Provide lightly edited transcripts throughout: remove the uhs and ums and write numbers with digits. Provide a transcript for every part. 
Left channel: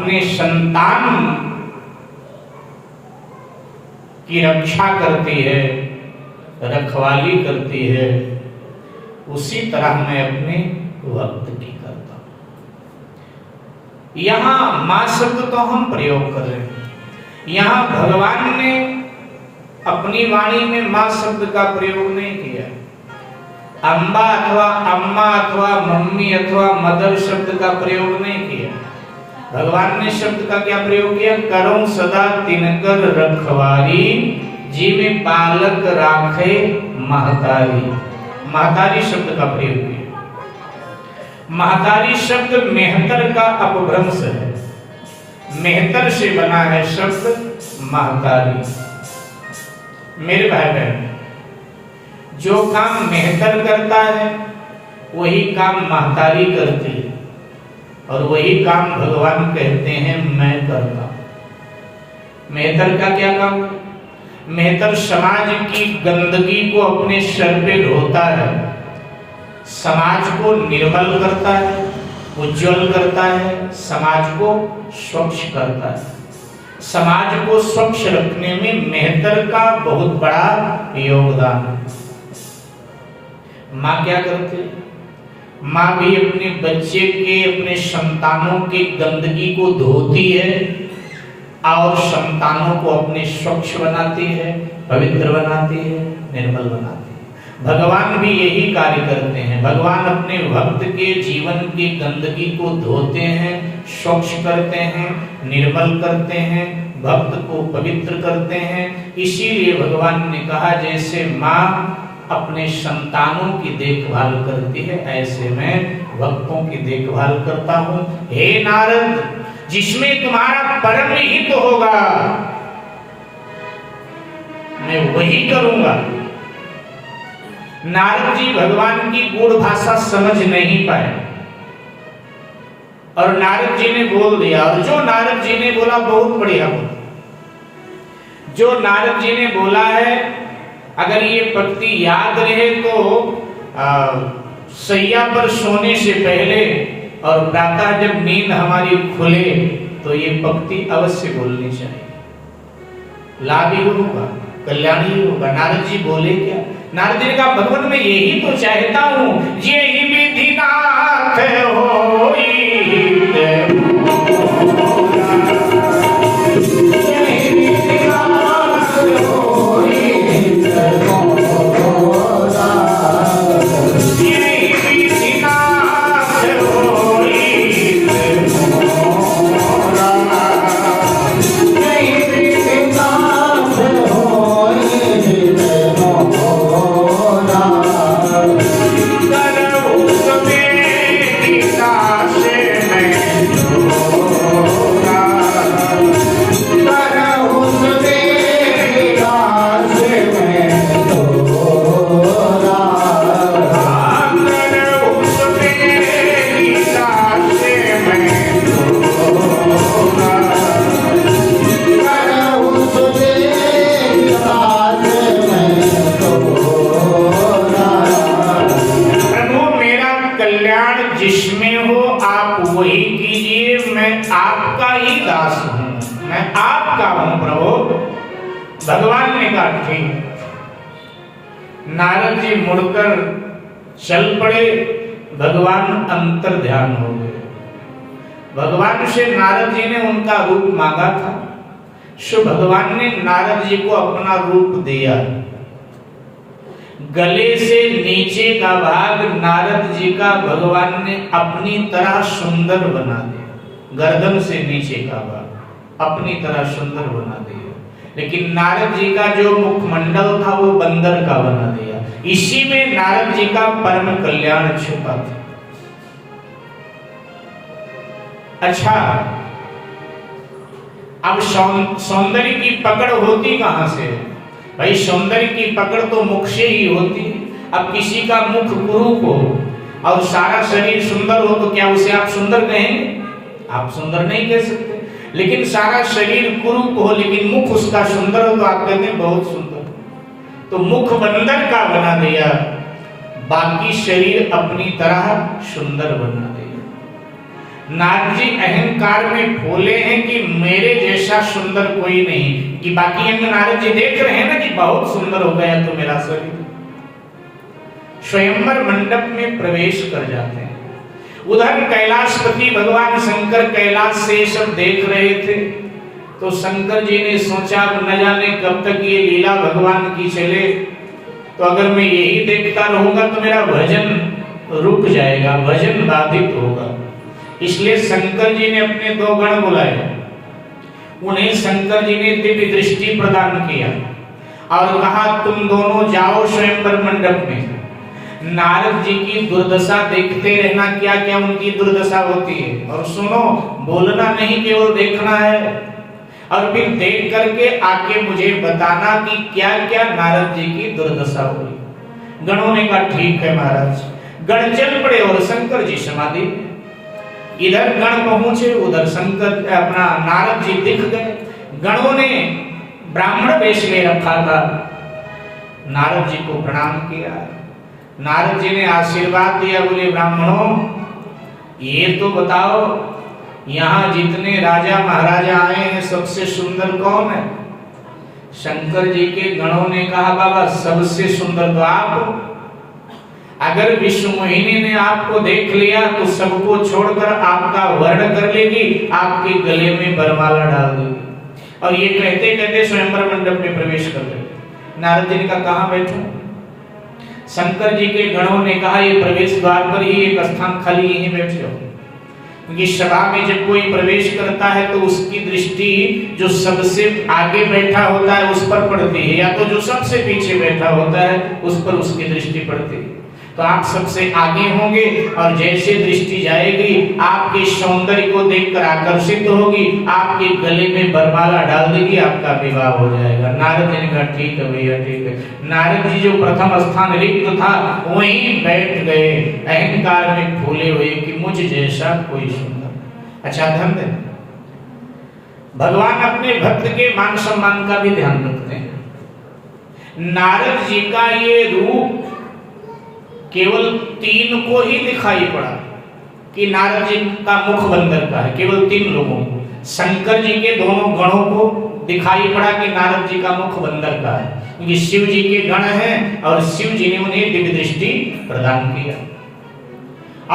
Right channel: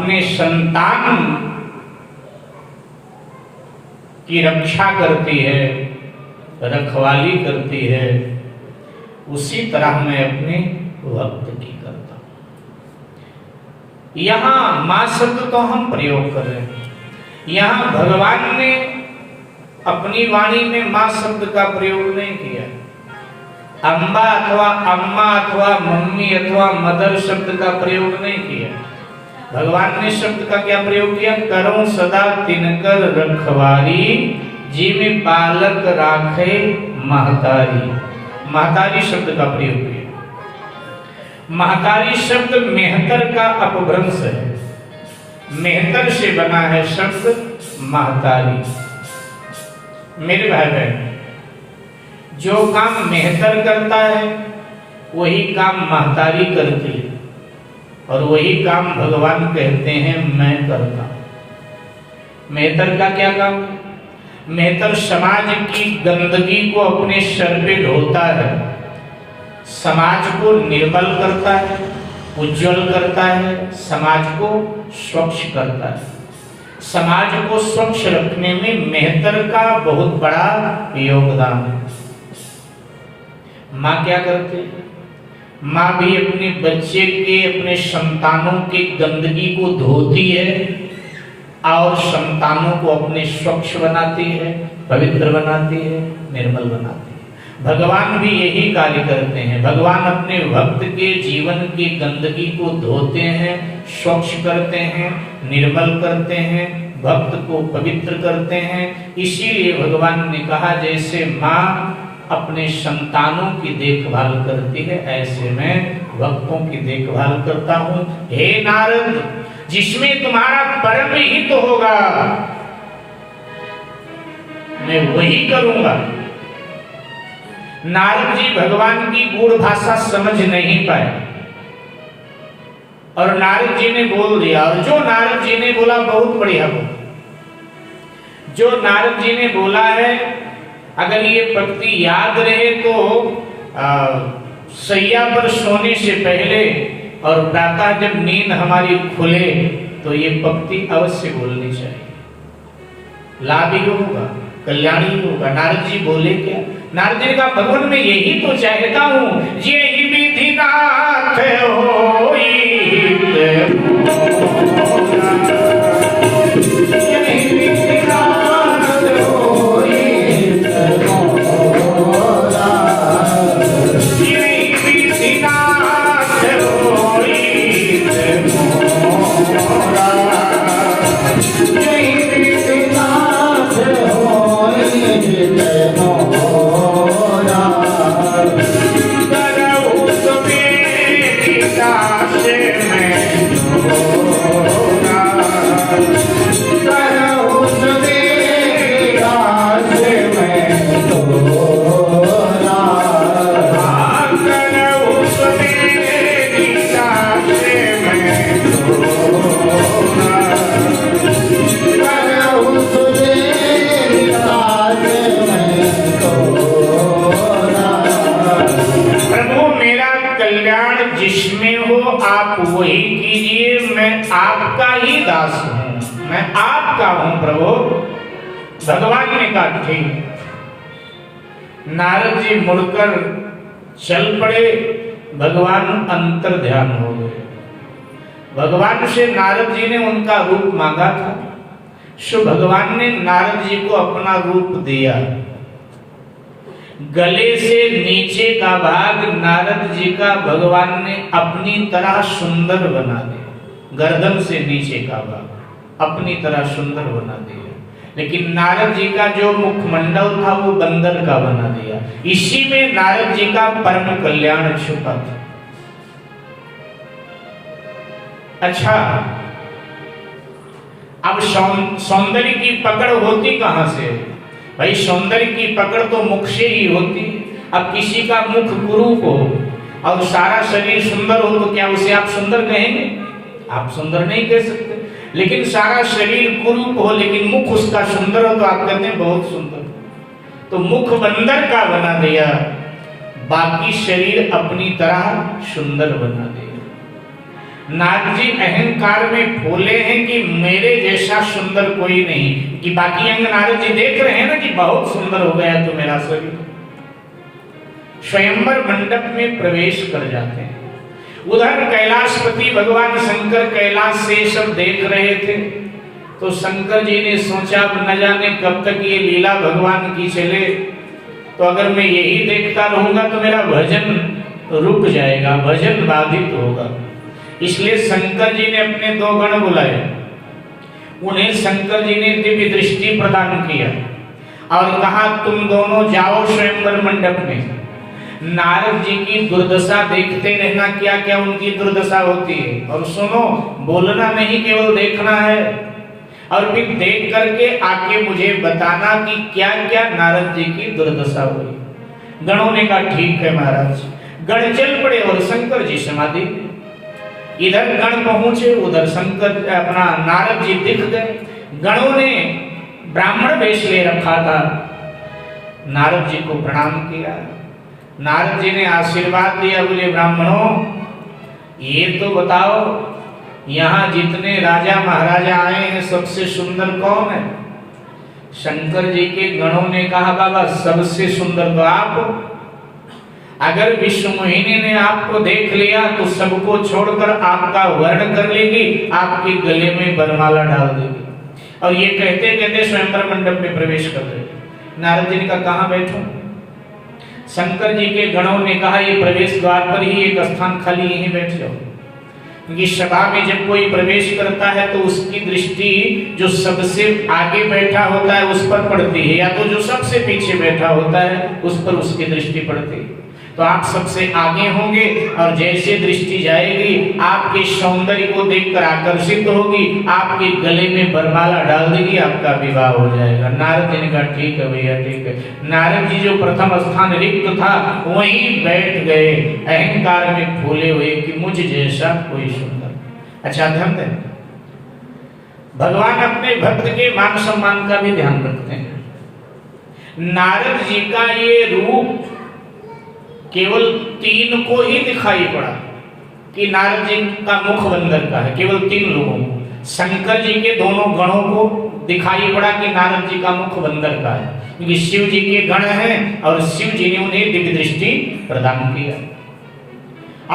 अपने संतान की रक्षा करती है, रखवाली करती है, उसी तरह मैं अपने भक्त की करता हूं। यहां मां शब्द तो हम प्रयोग कर रहे हैं, यहां भगवान ने अपनी वाणी में मां शब्द का प्रयोग नहीं किया। अम्बा अथवा अम्मा अथवा मम्मी अथवा मदर शब्द का प्रयोग नहीं किया। भगवान ने शब्द का क्या प्रयोग किया? करो सदा तिनकर रखवारी, जी में बालक राखे महतारी। महतारी शब्द का प्रयोग किया। महतारी शब्द मेहतर का अपभ्रंश है, मेहतर से बना है शब्द महतारी। मेरे भाई बहन, जो काम मेहतर करता है वही काम महतारी करती है, और वही काम भगवान कहते हैं मैं करता हूं। मेहतर का क्या काम? मेहतर समाज की गंदगी को अपने सर पे ढोता है, समाज को निर्मल करता है, उज्जवल करता है, समाज को स्वच्छ करता है। समाज को स्वच्छ रखने में मेहतर का बहुत बड़ा योगदान है। माँ क्या करती है? माँ भी अपने बच्चे के, अपने संतानों के गंदगी को धोती है और संतानों को अपने स्वच्छ बनाती है, पवित्र बनाती है, निर्मल बनाती है। भगवान भी यही कार्य करते हैं। भगवान अपने भक्त के जीवन की गंदगी को धोते हैं, स्वच्छ करते हैं, निर्मल करते हैं, भक्त को पवित्र करते हैं। इसीलिए भगवान ने कहा जैसे माँ अपने संतानों की देखभाल करती है, ऐसे मैं भक्तों की देखभाल करता हूं। हे नारद, जिसमें तुम्हारा परम हित तो होगा मैं वही करूंगा। नारद जी भगवान की गूढ़ भाषा समझ नहीं पाए और नारद जी ने बोल दिया, और जो नारद जी ने बोला बहुत बढ़िया बोला। जो नारद जी ने बोला है, अगर ये पंक्ति याद रहे तो सैया पर सोने से पहले और प्रातः जब नींद हमारी खुले तो ये पंक्ति अवश्य बोलनी चाहिए। लाभ ही होगा, कल्याण ही होगा। नारद जी बोले क्या? नारद जी ने कहा भगवान मैं यही तो चाहता हूं, यही विधिनाथ होई भगवान ने कहा ठीक। नारद जी मुड़कर चल पड़े, भगवान अंतर ध्यान हो गए। भगवान से नारद जी ने उनका रूप मांगा था, सो भगवान ने नारद जी को अपना रूप दिया। गले से नीचे का भाग नारद जी का भगवान ने अपनी तरह सुंदर बना दिया, गर्दन से नीचे का भाग अपनी तरह सुंदर बना दिया। लेकिन नारद जी का जो मुखमंडल था वो बंदर का बना दिया। इसी में नारद जी का परम कल्याण छिपा था। अच्छा, अब सौंदर्य की पकड़ होती कहां से? भाई सौंदर्य की पकड़ तो मुख से ही होती। अब किसी का मुख कुरूप हो और सारा शरीर सुंदर हो तो क्या उसे आप सुंदर कहेंगे? आप सुंदर नहीं कह सकते। लेकिन सारा शरीर कुरूप हो लेकिन मुख उसका सुंदर हो तो आप कहते हैं बहुत सुंदर। तो मुख बंदर का बना दिया, बाकी शरीर अपनी तरह सुंदर बना दिया। नारद जी अहंकार में फूले हैं कि मेरे जैसा सुंदर कोई नहीं, कि बाकी अंग नारद जी देख रहे हैं ना कि बहुत सुंदर हो गया तो मेरा शरीर। स्वयंवर मंडप में प्रवेश कर जाते हैं। उधर कैलाशपति भगवान शंकर कैलाश से सब देख रहे थे, तो शंकर जी ने सोचा न जाने कब तक ये लीला भगवान की चले, तो अगर मैं यही देखता रहूंगा तो मेरा भजन रुक जाएगा, भजन बाधित होगा। इसलिए शंकर जी ने अपने दो गण बुलाए, उन्हें शंकर जी ने दिव्य दृष्टि प्रदान किया और कहा तुम दोनों जाओ स्वयंवर मंडप में, नारद जी की दुर्दशा देखते रहना, क्या क्या उनकी दुर्दशा होती है, और सुनो, बोलना नहीं केवल देखना है, और फिर देख करके आके मुझे बताना कि क्या क्या नारद जी की दुर्दशा हुई। गणों ने कहा ठीक है महाराज। गण चल पड़े और शंकर जी समाधि। इधर गण पहुंचे, उधर शंकर अपना नारद जी दिख गए। गणों ने ब्राह्मण वेश ले रखा था, नारद जी को प्रणाम किया। नारद जी ने आशीर्वाद दिया, बोले ब्राह्मणों ये तो बताओ यहाँ जितने राजा महाराजा आए हैं सबसे सुंदर कौन है? शंकर जी के गणों ने कहा बाबा सबसे सुंदर तो आप। अगर विश्व मोहिनी ने आपको देख लिया तो सबको छोड़कर आपका वर्ण कर लेगी, आपके गले में बरमाला डाल देगी। और ये कहते कहते स्वयंवर मंडप में प्रवेश कर गए। नारद जी ने कहा कहाँ बैठूं? शंकर जी के गणों ने कहा ये प्रवेश द्वार पर ही एक स्थान खाली, यहीं बैठ जाओ। क्योंकि सभा में जब कोई प्रवेश करता है तो उसकी दृष्टि जो सबसे आगे बैठा होता है उस पर पड़ती है, या तो जो सबसे पीछे बैठा होता है उस पर उसकी दृष्टि पड़ती है। तो आप सबसे आगे होंगे और जैसे दृष्टि जाएगी आपके सौंदर्य को देखकर आकर्षित होगी, आपके गले में बरमाला डाल देगी, आपका विवाह हो जाएगा। नारद जी ने कहा ठीक है भैया ठीक है। नारद जी जो प्रथम स्थान रिक्त था वहीं बैठ गए, अहंकार में फूले हुए कि मुझ जैसा कोई सुंदर। अच्छा ध्यान दें, भगवान अपने भक्त के मान सम्मान का भी ध्यान रखते हैं। नारद जी का ये रूप केवल 3 को ही दिखाई पड़ा कि नारद जी का मुख बंदर का है, केवल 3 लोगों को। शंकर जी के दोनों गणों को दिखाई पड़ा कि नारद जी का मुख बंदर का है, क्योंकि शिव जी के गण हैं और शिव जी ने उन्हें दिव्य दृष्टि प्रदान किया।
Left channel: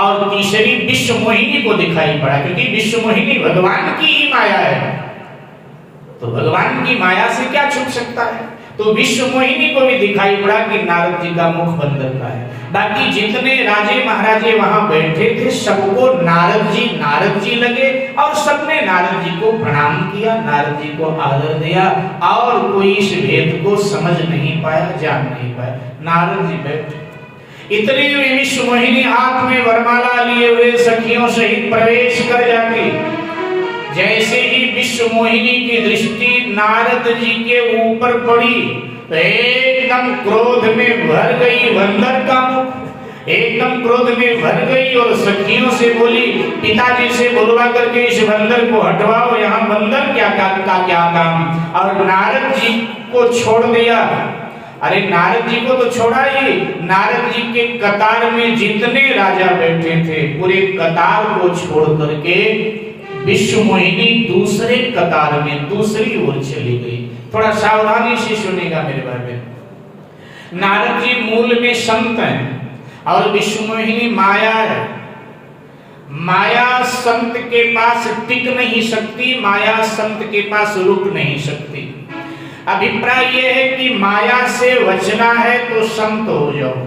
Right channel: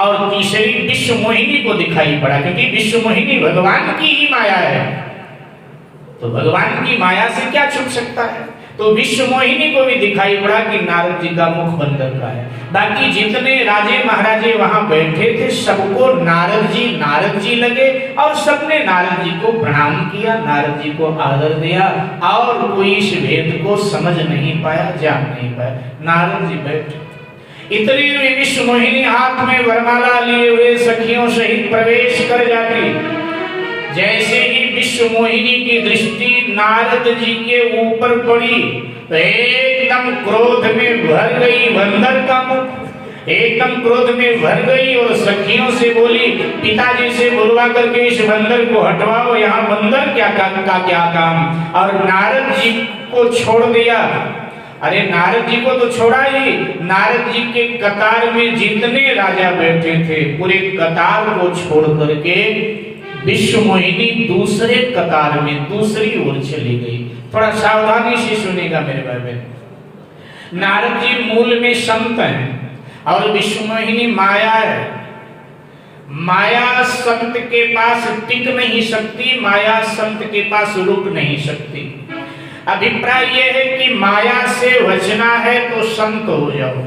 और तीसरी विश्व मोहिनी को दिखाई पड़ा, क्योंकि विश्व मोहिनी भगवान की ही माया है, तो भगवान की माया से क्या छुप सकता है। तो विश्व मोहिनी को भी दिखाई पड़ा कि नारद जी का मुख बंदर का है। बाकी जितने राजे महाराजे वहां बैठे थे सबको नारद जी लगे और सबने नारद जी को प्रणाम किया, नारद जी को आदर दिया, और कोई इस भेद को समझ नहीं पाया, जान नहीं पाया। नारद जी बैठे, इतने में विश्व मोहिनी हाथ में वरमाला लिए हुए सखियों सहित प्रवेश कर जाती। जैसे ही विश्व मोहिनी की दृष्टि नारद जी के ऊपर पड़ी तो एकदम क्रोध में भर गई, बंदर का मुख एकदम क्रोध में भर गई और सखियों से बोली पिताजी से बुलवा करके इस बंदर को हटवाओ, यहाँ बंदर क्या काम। और नारद जी को छोड़ दिया। अरे नारद जी को तो छोड़ा ही, नारद जी के कतार में जितने राजा बैठे थे पूरे कतार को छोड़ करके विश्व मोहिनी दूसरे कतार में दूसरी ओर चली गई। थोड़ा सावधानी से सुनेगा मेरे भाई। नारद जी मूल में संत हैं और विश्व मोहिनी माया है। माया संत के पास टिक नहीं सकती, माया संत के पास रुक नहीं सकती। अभिप्राय यह है कि माया से बचना है तो संत हो जाओ,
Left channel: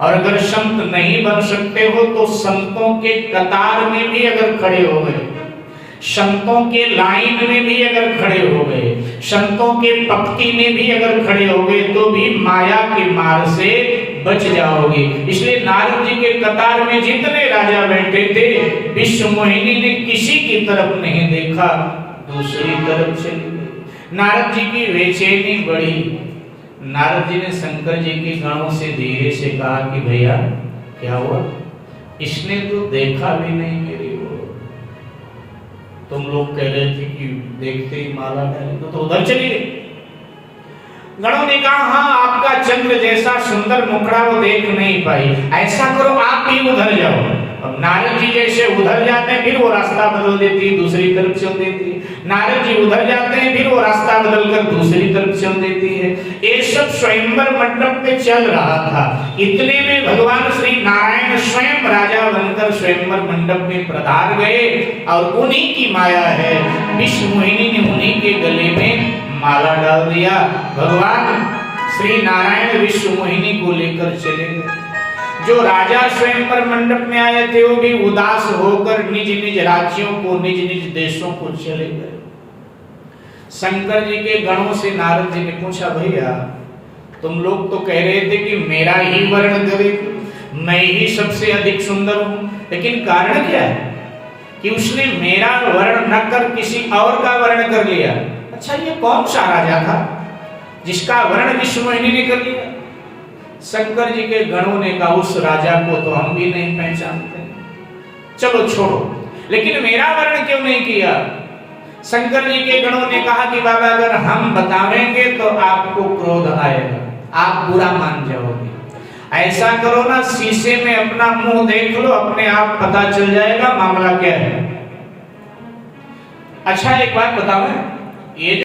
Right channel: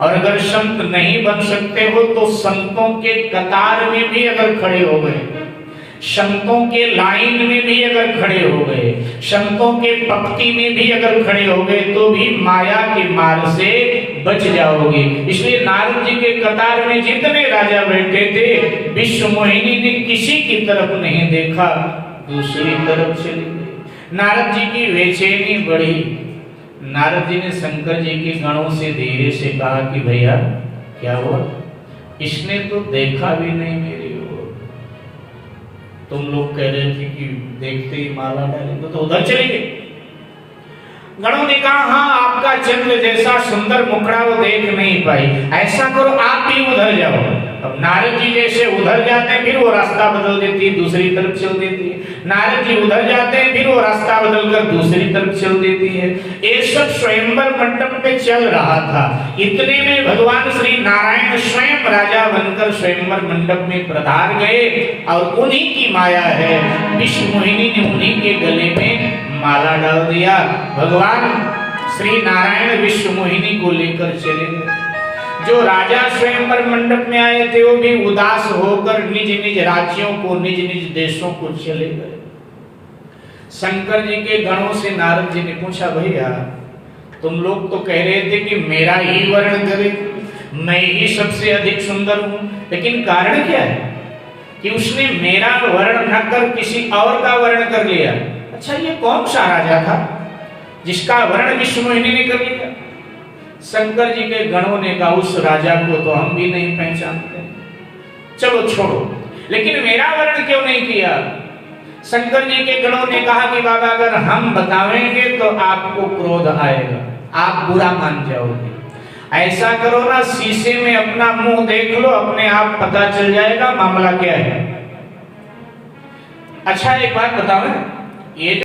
और अगर संत नहीं बन सकते हो तो संतों के कतार में भी अगर खड़े हो गए, संतों के लाइन में भी अगर खड़े हो गए, संतों के पंक्ति में भी अगर खड़े हो गए तो भी माया के मार से बच जाओगे। इसलिए नारद जी के कतार में जितने राजा बैठे थे विश्व मोहिनी ने किसी की तरफ नहीं देखा, दूसरी तरफ चली गई। नारद जी की बेचैनी बढ़ी। नारद जी ने शंकर जी के गणों से धीरे से कहा कि भैया क्या हुआ? इसने तो देखा भी नहीं मेरी ओर, तुम लोग कह रहे थे कि देखते ही माला डालेंगे, तो उधर चली गई। गणों ने कहा हाँ आपका चंद्र जैसा सुंदर मुखड़ा वो देख नहीं पाई, ऐसा करो आप भी उधर जाओ। अब नारद जी जैसे उधर जाते हैं फिर वो रास्ता बदल देती है, दूसरी तरफ चल देती है। नारद जी उधर जाते हैं फिर वो रास्ता बदलकर दूसरी तरफ चल देती है। ये सब स्वयंवर मंडप में चल रहा था। इतने में भगवान श्री नारायण स्वयं राजा बनकर स्वयंवर मंडप में पधार गए और उन्हीं की माया है, विश्व मोहिनी ने उन्हीं के गले में माला डाल दिया। भगवान श्री नारायण विश्व मोहिनी को लेकर चले गए। जो राजा स्वयंवर मंडप में आए थे वो भी उदास होकर निज निज राज्यों को, निज निज देशों को चले गए। शंकर जी के गणों से नारद जी ने पूछा, भैया तुम लोग तो कह रहे थे कि मेरा ही वर्ण करे, मैं ही सबसे अधिक सुंदर हूं, लेकिन कारण क्या है कि उसने मेरा वर्ण न कर किसी और का वर्ण कर लिया। अच्छा, ये कौन सा राजा था जिसका वर्ण विश्व मोहिनी ने कर लिया? शंकर जी के गणों ने कहा, उस राजा को तो हम भी नहीं पहचानते, चलो छोड़ो, लेकिन मेरा वर्ण क्यों नहीं किया? शंकर जी के गणों ने कहा कि बाबा अगर हम बतावेंगे तो आपको क्रोध आएगा, आप बुरा मान जाओगे। ऐसा करो ना, शीशे में अपना मुंह देख लो, अपने आप पता चल जाएगा मामला क्या है। अच्छा एक बात बताओ, ये